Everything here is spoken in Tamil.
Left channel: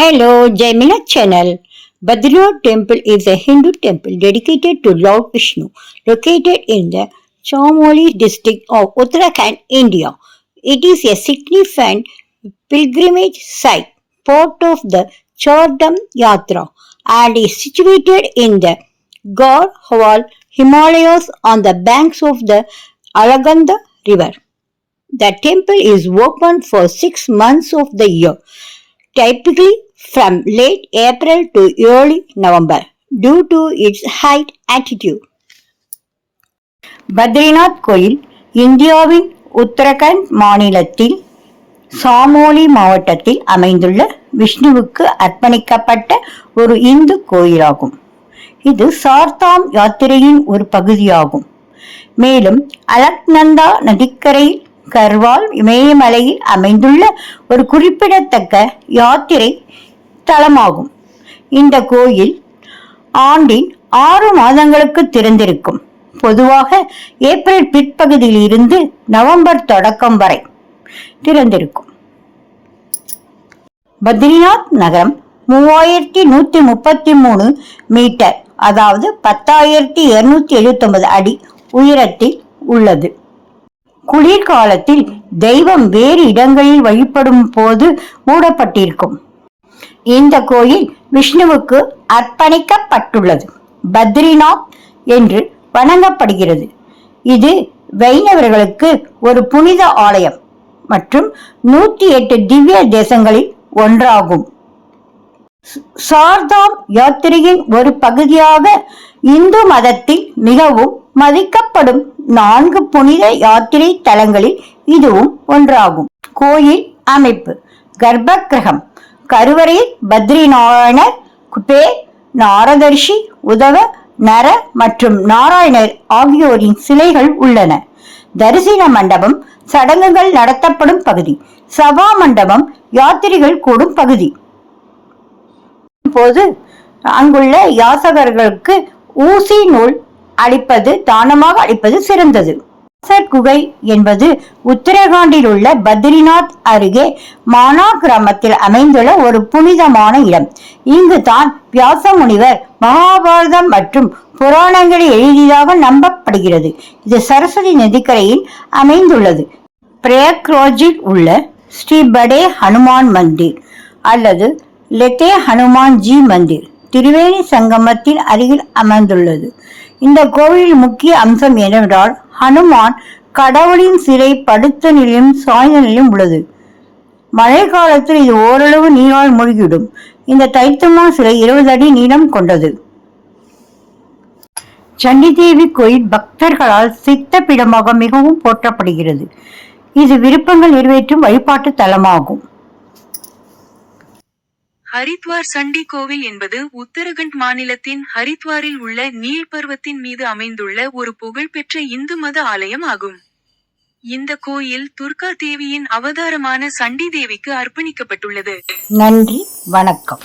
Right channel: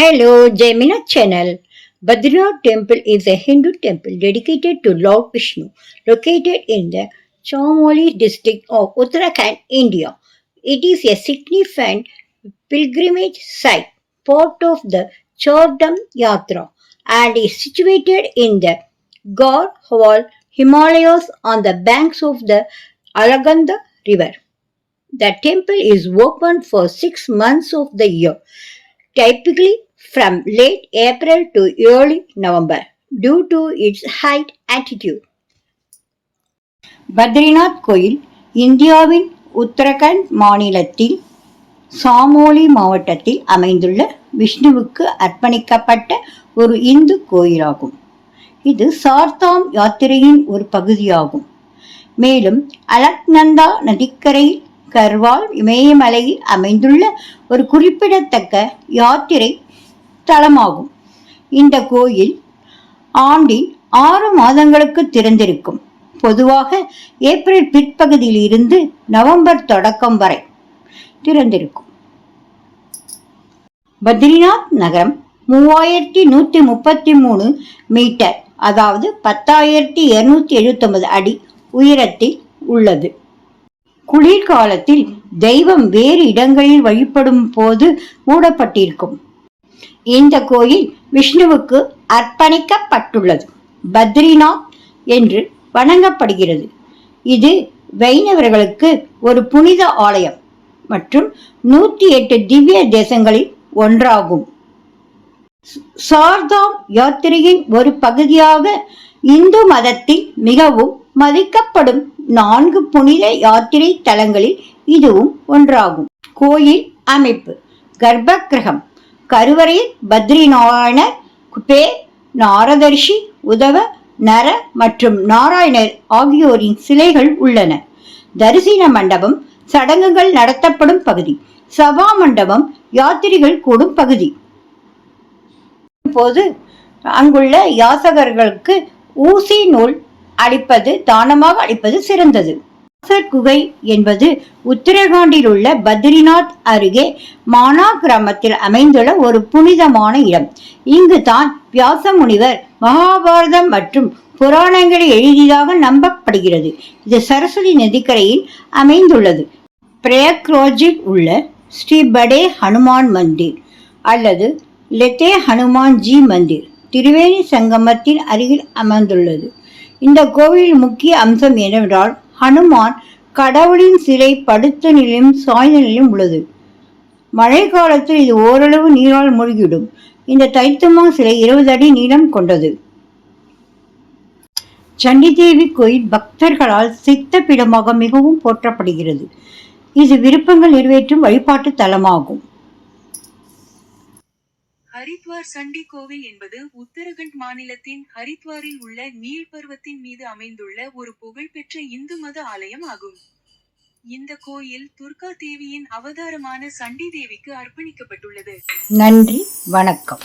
Hello, Jaimina channel. Badrinath temple is a Hindu temple dedicated to Lord Vishnu, located in the Chamoli district of Uttarakhand, India. It is a significant pilgrimage site, part of the Chardham Yatra, and is situated in the Garhwal Himalayas on the banks of the Alaganda River. The temple is open for six months of the year typically from late April to early November due to its high altitude. Badrinath கோயில் இந்தியாவின் உத்தரகண்ட் மாநிலத்தில் சாமோலி மாவட்டத்தில் அமைந்துள்ள விஷ்ணுவுக்கு அர்ப்பணிக்கப்பட்ட ஒரு இந்து கோயிலாகும் இது சார்தாம் யாத்திரையின் ஒரு பகுதியாகும் மேலும் அலக்நந்தா நதிக்கரையில் கர்வால் இமயமலையில் அமைந்துள்ள ஒரு குறிப்பிடத்தக்க யாத்திரை தலமாகும் இந்த கோயில் ஆண்டின் ஆறு மாதங்களுக்கு திறந்திருக்கும். பொதுவாக ஏப்ரல் பிற்பகுதியில் இருந்து நவம்பர் தொடக்கம் வரை திறந்திருக்கும். பத்ரிநாத் நகரம் மூவாயிரத்தி நூத்தி முப்பத்தி மூணு மீட்டர் அதாவது பத்தாயிரத்தி இருநூத்தி எழுபத்தி ஒன்பது அடி உயரத்தில் உள்ளது. குளிர்காலத்தில் தெய்வம் வேறு இடங்களில் வழிபடும் போது மூடப்பட்டிருக்கும். இந்த கோயில் விஷ்ணுவுக்கு அர்ப்பணிக்கப்பட்டுள்ளது. பத்ரிநாத் என்று வணங்கப்படுகிறது. இது வைணவர்களுக்கு ஒரு புனித ஆலயம் மற்றும் நூத்தி எட்டு திவ்ய தேசங்களில் ஒன்றாகும். சார்தாம் யாத்திரையின் ஒரு பகுதியாக இந்து மதத்தில் மிகவும் மதிக்கப்படும் நான்கு புனித யாத்திரை தலங்களில் இதுவும் ஒன்றாகும். கோயில் அமைப்பு கர்ப்பகிரகம் கருவறையில் பத்ரிநாராயண குபே நாரதர்ஷி உதவ நர மற்றும் நாராயணர் ஆகியோரின் சிலைகள் உள்ளன. தரிசன மண்டபம் சடங்குகள் நடத்தப்படும் பகுதி சபா மண்டபம் யாத்திரிகள் கூடும் பகுதி. போது அங்குள்ள யாசகர்களுக்கு ஊசி நூல் அளிப்பது தானமாக அளிப்பது சிறந்தது. குகை என்பது உத்தரகாண்டில் உள்ள பத்ரிநாத் அருகே மானா கிராமத்தில் அமைந்துள்ள ஒரு புனிதமான இடம். இங்கு தான் வியாச முனிவர் மகாபாரதம் மற்றும் புராணங்களை எழுதியதாக நம்பப்படுகிறது. இது சரஸ்வதி நதிக்கரையில் அமைந்துள்ளது. பிரயக்ரோஜில் உள்ள ஸ்ரீ படே ஹனுமான் மந்திர் அல்லது லெத்தே ஹனுமான் ஜி மந்திர் திரிவேணி சங்கமத்தின் அருகில் அமைந்துள்ளது. இந்த கோவிலின் முக்கிய அம்சம் என்னவென்றால் ஹனுமான் கடவுளின் சிலை படுத்த நிலையும் சாய்ந்த நிலையும் உள்ளது. மழை காலத்தில் இது ஓரளவு நீரால் மூழ்கிவிடும். இந்த தைத்தமா சிலை இருபது அடி நீளம் கொண்டது. சண்டிதேவி கோயில் பக்தர்களால் சித்த பிடமாக மிகவும் போற்றப்படுகிறது. இது விருப்பங்கள் நிறைவேற்றும் வழிபாட்டு தலமாகும். ஹரித்வார் சண்டி கோவில் என்பது உத்தரகண்ட் மாநிலத்தின் ஹரித்வாரில் உள்ள நீல் பருவத்தின் மீது அமைந்துள்ள ஒரு புகழ்பெற்ற இந்து மத ஆலயம் ஆகும். இந்த கோயில் துர்கா தேவியின் அவதாரமான சண்டி தேவிக்கு அர்ப்பணிக்கப்பட்டுள்ளது. நன்றி வணக்கம்.